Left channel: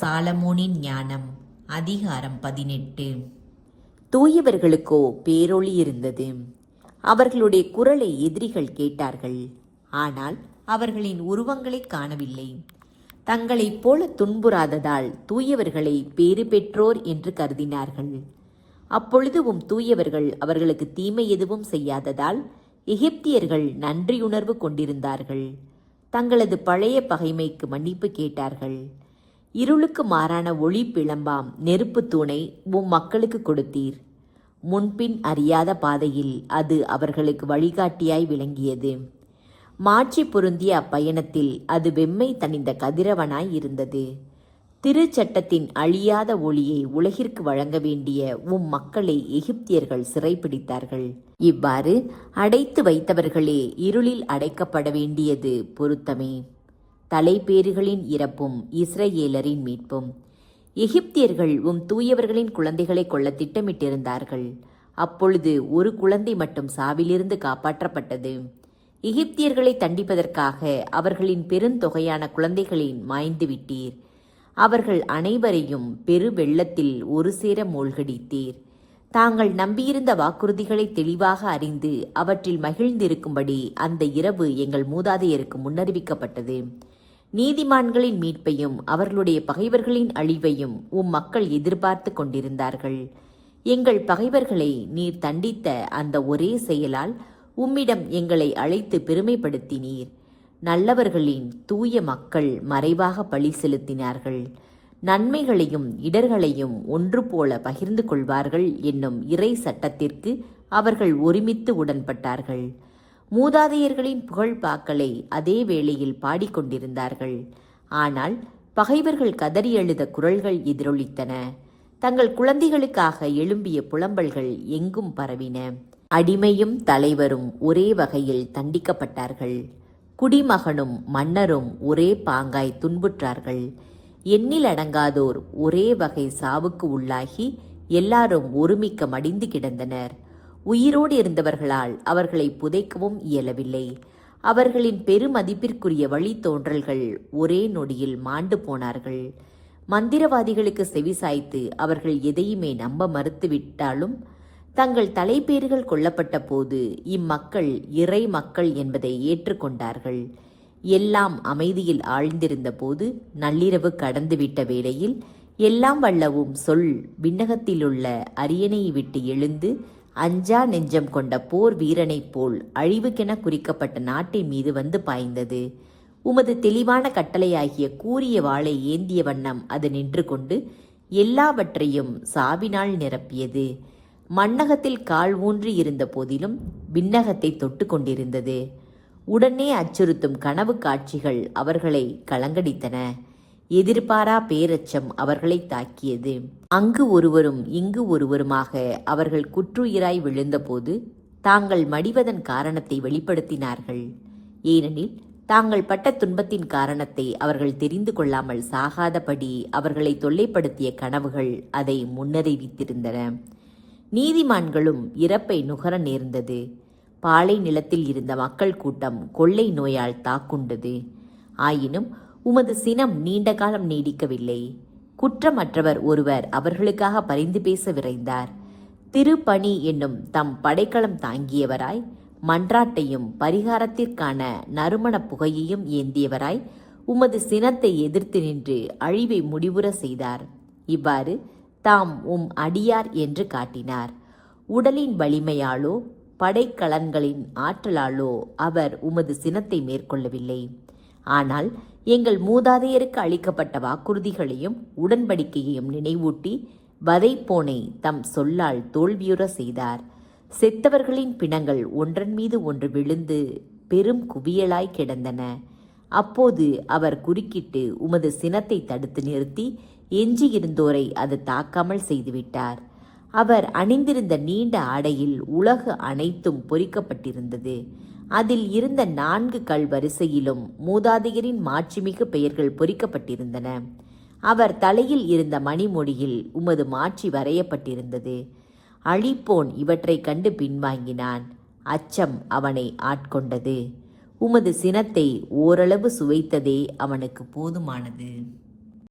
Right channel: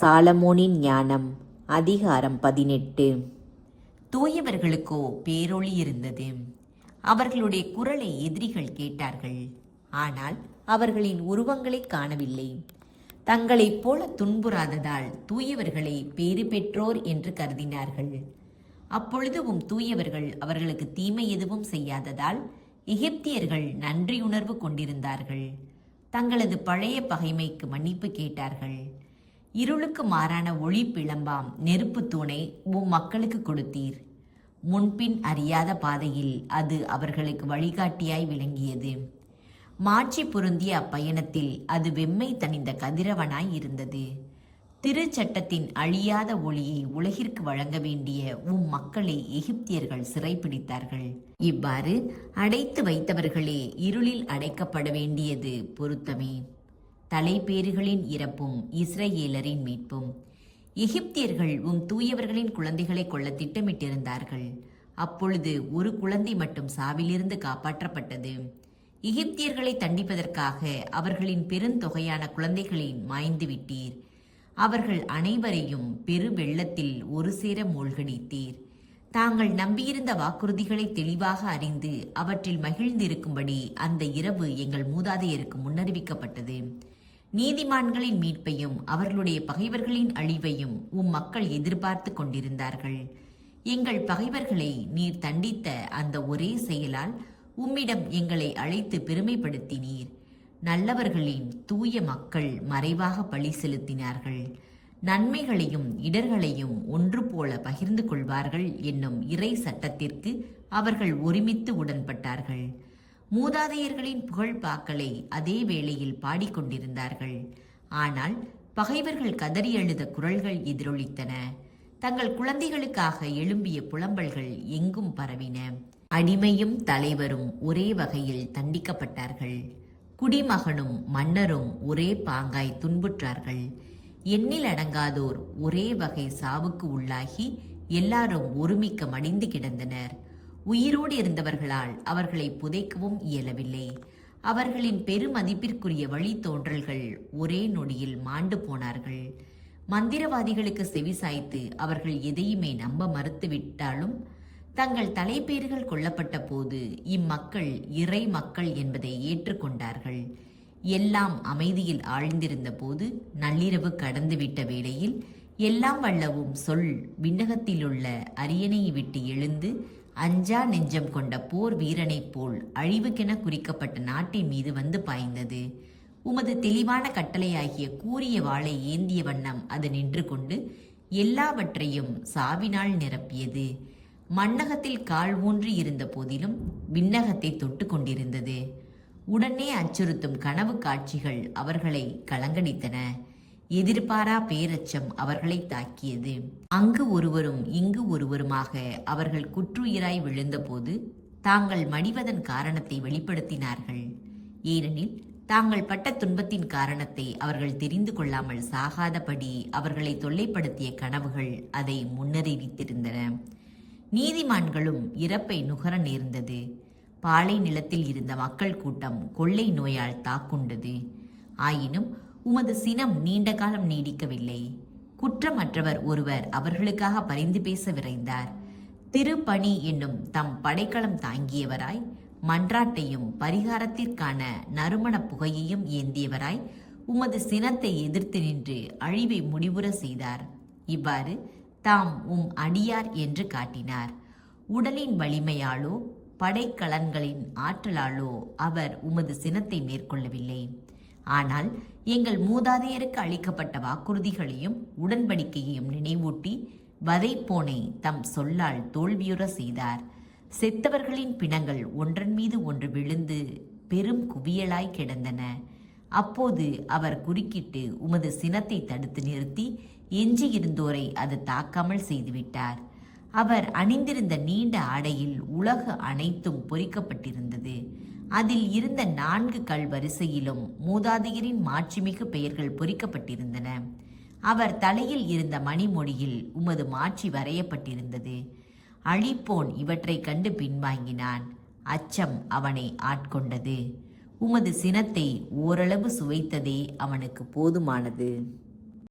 சாலமோனின் ஞானம் அதிகாரம் 18. தூயவர்களுக்கோ பேரொளி இருந்தது. அவர்களுடைய குரலை எதிரிகள் கேட்டார்கள், ஆனால் அவர்களின் உருவங்களை காணவில்லை. தங்களைப் போல துன்புறாததால் தூயவர்களை பேறு பெற்றோர் என்று கருதினார்கள். அப்பொழுதும் தூயவர்கள் அவர்களுக்கு தீமை எதுவும் செய்யாததால் எகிப்தியர்கள் நன்றியுணர்வு கொண்டிருந்தார்கள். தங்களது பழைய பகைமைக்கு மன்னிப்பு கேட்டார்கள். இருளுக்கு மாறான ஒளி பிளம்பாம் நெருப்பு தூணை மக்களுக்கு கொடுத்தீர். முன்பின் அறியாத பாதையில் அது அவர்களுக்கு வழிகாட்டியாய் விளங்கியது. மாட்சி பொருந்திய அப்பயணத்தில் அது வெம்மை தணிந்த கதிரவனாய் இருந்தது. திருச்சட்டத்தின் அழியாத ஒளியை உலகிற்கு வழங்க வேண்டிய மக்களை எகிப்தியர்கள் சிறைப்பிடித்தார்கள். இவ்வாறு அடைத்து வைத்தவர்களே இருளில் அடைக்கப்பட வேண்டியது பொருத்தமே. தலைப்பேறுகளின் இறப்பும் இஸ்ரவேலரின் மீட்பும். எகிப்தியர்கள் தூயவர்களின் குழந்தைகளை கொள்ள திட்டமிட்டிருந்தார்கள். அப்பொழுது ஒரு குழந்தை மட்டும் சாவிலிருந்து காப்பாற்றப்பட்டது. எகிப்தியர்களை தண்டிப்பதற்காக அவர்களின் பெருந்தொகையான குழந்தைகளை மாய்ந்து விட்டீர். அவர்கள் அனைவரையும் பெரு வெள்ளத்தில் ஒரு சேர மூழ்கடித்தீர். தாங்கள் நம்பியிருந்த வாக்குறுதிகளை தெளிவாக அறிந்து அவற்றில் மகிழ்ந்திருக்கும்படி அந்த இரவு எங்கள் மூதாதையருக்கு முன்னறிவிக்கப்பட்டது. நீதிமான்களின் மீட்பையும் அவர்களுடைய பகைவர்களின் அழிவையும் மக்கள் எதிர்பார்த்து கொண்டிருந்தார்கள். எங்கள் பகைவர்களை நீர் தண்டித்த அந்த ஒரே செயலால் உம்மிடம் எங்களை அழைத்து பெருமைப்படுத்தினீர். நல்லவர்களின் தூய மக்கள் மறைவாக பழி செலுத்தினார்கள். நன்மைகளையும் இடர்களையும் ஒன்று போல பகிர்ந்து கொள்வார்கள் என்னும் இறை சட்டத்திற்கு அவர்கள் ஒருமித்து உடன்பட்டார்கள். மூதாதையர்களின் புகழ்பாக்களை அதே வேளையில் பாடிக்கொண்டிருந்தார்கள். ஆனால் பகைவர்கள் கதறி எழுத குரல்கள் எதிரொலித்தன. தங்கள் குழந்தைகளுக்காக எழும்பிய புலம்பல்கள் எங்கும் பரவின. அடிமையும் தலைவரும் ஒரே வகையில் தண்டிக்கப்பட்டார்கள். குடிமகனும் மன்னரும் ஒரே பாங்காய் துன்புற்றார்கள். எண்ணில் அடங்காதோர் ஒரே வகை சாவுக்கு உள்ளாகி எல்லாரும் ஒருமிக்க மடிந்து கிடந்தனர். உயிரோடு இருந்தவர்களால் அவர்களை புதைக்கவும் இயலவில்லை. அவர்களின் பெருமதிப்பிற்குரிய வழித்தோன்றல்கள் ஒரே நொடியில் மாண்டு போனார்கள். மந்திரவாதிகளுக்கு செவிசாய்த்து அவர்கள் எதையுமே நம்ப மறுத்துவிட்டாலும் தங்கள் தலைப்பேறுகள் கொல்லப்பட்ட போது இம்மக்கள் இறை மக்கள் என்பதை ஏற்றுக்கொண்டார்கள். எல்லாம் அமைதியில் ஆழ்ந்திருந்த போது நள்ளிரவு கடந்துவிட்ட வேளையில் எல்லாம் வல்லவும் சொல் விண்ணகத்திலுள்ள அரியணையை விட்டு எழுந்து அஞ்சா நெஞ்சம் கொண்ட போர் வீரனைப் போல் அழிவுக்கென குறிக்கப்பட்ட நாட்டின் மீது வந்து பாய்ந்தது. உமது தெளிவான கட்டளையாகிய கூரிய வாளை ஏந்திய வண்ணம் அது நின்று கொண்டு எல்லாவற்றையும் சாவினால் நிரப்பியது. மண்ணகத்தில் கால் ஊன்றி இருந்த போதிலும் விண்ணகத்தை தொட்டு கொண்டிருந்தது. உடனே அச்சுறுத்தும் கனவு காட்சிகள் அவர்களை கலங்கடித்தன. எதிர்பாரா பேரச்சம் அவர்களை தாக்கியது. அங்கு ஒருவரும் இங்கு ஒருவருமாக அவர்கள் குற்றுயிராய் விழுந்தபோது தாங்கள் மடிவதன் காரணத்தை வெளிப்படுத்தினார்கள். ஏனெனில் தாங்கள் பட்ட துன்பத்தின் காரணத்தை அவர்கள் தெரிந்து கொள்ளாமல் சாகாதபடி அவர்களை தொல்லைப்படுத்திய கனவுகள் அதை முன்னறிவித்திருந்தன. நீதிமான்களும் இறப்பை நுகர நேர்ந்தது. பாலை நிலத்தில் இருந்த மக்கள் கூட்டம் கொள்ளை நோயால் தாக்குண்டது. ஆயினும் உமது சினம் நீண்ட காலம் நீடிக்கவில்லை. குற்றமற்றவர் ஒருவர் அவர்களுக்காக பரிந்து பேச விரைந்தார். திருப்பணி என்னும் தம் படைக்கலம் தாங்கியவராய் மன்றாட்டையும் பரிகாரத்திற்கான நறுமண புகையையும் ஏந்தியவராய் உமது சினத்தை எதிர்த்து நின்று அழிவை முடிவுற செய்தார். இவ்வாறு தாம் அடியார் என்று காட்டினார். உடலின் வலிமையாலோ படைக்கலன்களின் ஆற்றலாலோ அவர் உமது சினத்தை மேற்கொள்ளவில்லை. ஆனால் எங்கள் மூதாதையருக்கு அளிக்கப்பட்ட வாக்குறுதிகளையும் உடன்படிக்கையையும் நினைவூட்டி வதைப்போனை தம் சொல்லால் தோல்வியுற செய்தார். செத்தவர்களின் பிணங்கள் ஒன்றன் மீது ஒன்று விழுந்து பெரும் குவியலாய் கிடந்தன. அப்போது அவர் குறுக்கிட்டு உமது சினத்தை தடுத்து நிறுத்தி எஞ்சியிருந்தோரை அது தாக்காமல் செய்துவிட்டார். அவர் அணிந்திருந்த நீண்ட ஆடையில் உலகு அனைத்தும் பொறிக்கப்பட்டிருந்தது. அதில் இருந்த 4 கல் வரிசையிலும் மூதாதையரின் மாட்சிமிகு பெயர்கள் பொறிக்கப்பட்டிருந்தன. அவர் தலையில் இருந்த மணிமொழியில் உமது மாட்சி வரையப்பட்டிருந்தது. அழிப்போன் இவற்றை கண்டு பின்வாங்கினான். அச்சம் அவனை ஆட்கொண்டது. உமது சினத்தை ஓரளவு சுவைத்ததே அவனுக்கு போதுமானது.